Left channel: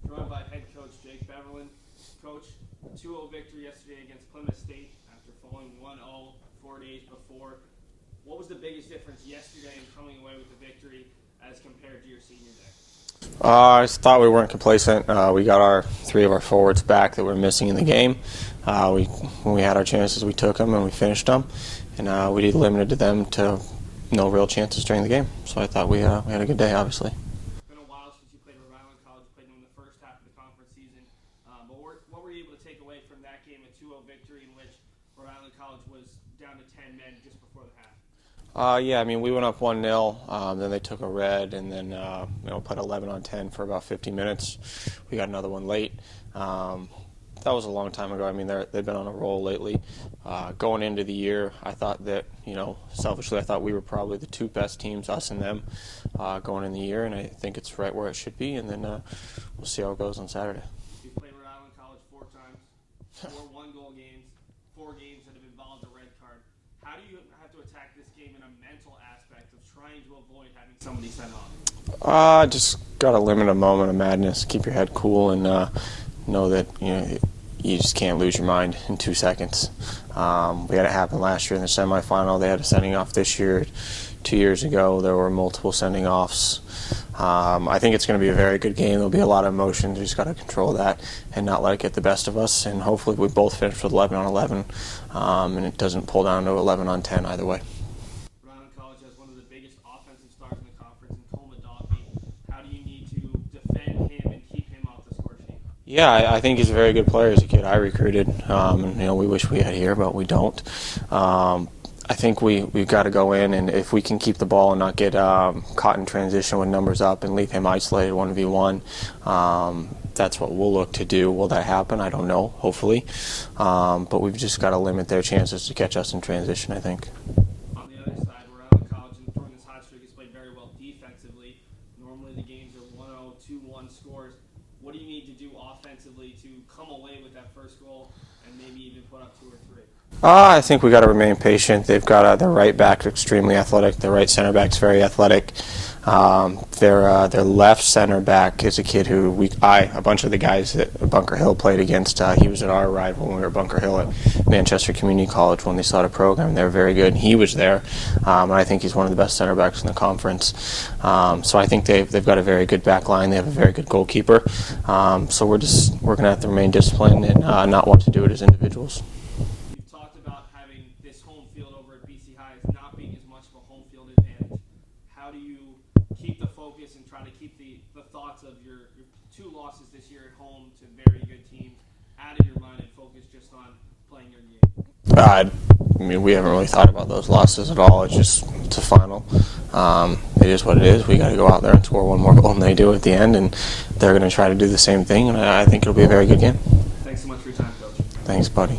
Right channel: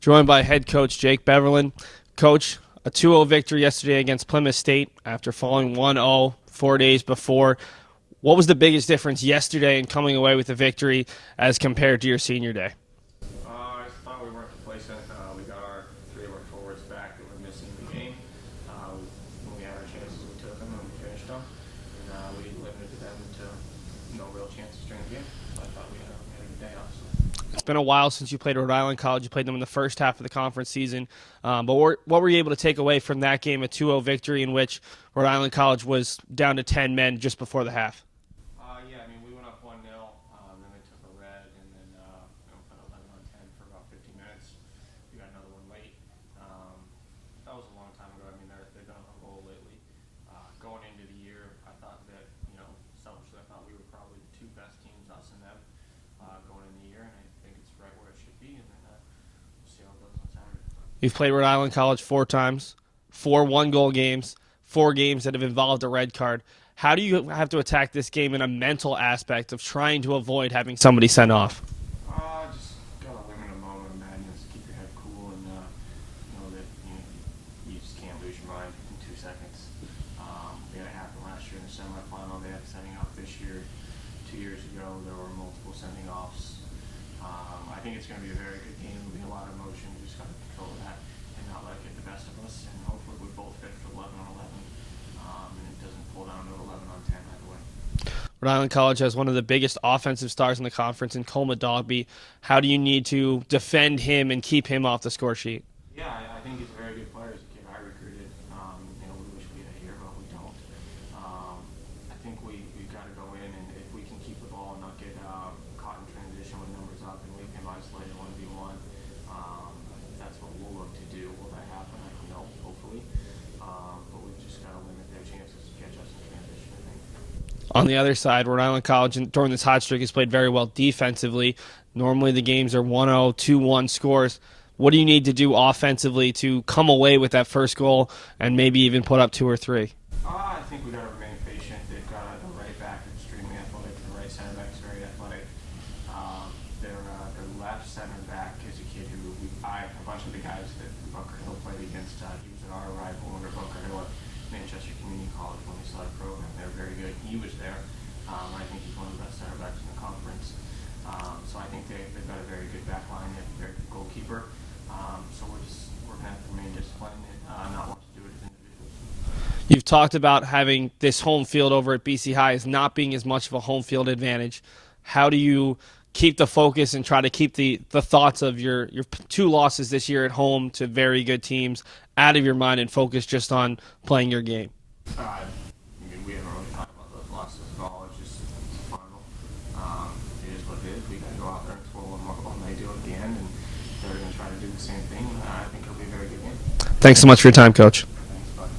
Joined by head coach Jake Beverlin. Coach, a 2-0 victory yesterday against Plymouth State after falling 1-0 4 days before. What was the biggest difference yesterday in coming away with a victory as compared to your senior day? I just thought we weren't complacent. We got three of our forwards back that were missing in the game. When we had our chances, we took them and we finished them. And we limited them to no real chances during the game. So I thought we had a good day, obviously. It's been a while since you played Rhode Island College. You played them in the first half of the conference season. But what were you able to take away from that game, a 2-0 victory in which Rhode Island College was down to 10 men just before the half? Yeah, I mean, we went up 1-0, then they took a red, and then put 11 on 10 for about 50 minutes. We got another one late. That was a long time ago. I mean, they've been on a roll lately. Going into the year, I thought that, selfishly, I thought we were probably the two best teams, us and them, going in the year, and I think it's right where it should be, and then we'll see how it goes on Saturday. You've played Rhode Island College 4 times, 4 one-goal games, 4 games that have involved a red card. How do you have to attack this game in a mental aspect of trying to avoid having somebody sent off? Just got to limit a moment of madness, keep your head cool, and know that you just can't lose your mind in 2 seconds. We had it happen last year in the semifinal. They had a sending off this year. 2 years ago, there were multiple sending offs. I think it's going to be a very good game. There'll be a lot of emotion. You just got to control that and not let it get the best of us. And hopefully we both finish with 11 on 11, and it doesn't pull down to 11 on 10 either way. Rhode Island College has one of the biggest offensive stars in the conference in Coleman Dogby. How do you need to defend him and keep him off the score sheet? Yeah, I think he's a very good player. As a kid I recruited, and we wish we had here, but we don't. I think we've got to go in, and if we can keep the ball and not get caught in transition with numbers up and leave him isolated 1v1, that's what we'll look to do. Will that happen? I don't know, hopefully. But we've just got to limit their chances to catch us in transition, I think. On the other side, Rhode Island College during this hot streak has played very well defensively. Normally the games are 1-0, 2-1 scores. What do you need to do offensively to come away with that first goal and maybe even put up 2 or 3? I think we got to remain patient. They've got their right back extremely athletic. Their right center back's very athletic. Their left center back is a kid who a bunch of the guys that Bunker Hill played against. He was at our rival when we were at Bunker Hill at Manchester Community College when they started a program. They were very good. And he was there. And I think he's one of the best center backs in the conference. So I think they've got a very good back line. They have a very good goalkeeper. So we're going to have to remain disciplined and not want to do it as individuals. You've talked about having this home field over at BC High as not being as much of a home field advantage. How do you keep the focus and try to keep the thoughts of your 2 losses this year at home to very good teams out of your mind and focus just on playing your game? I mean, we haven't really thought about those losses at all. It's a final. It is what it is. We got to go out there and score one more goal than they do at the end, and they're going to try to do the same thing, and I think it'll be a very good game. Thanks so much for your time, Coach. Thanks, buddy.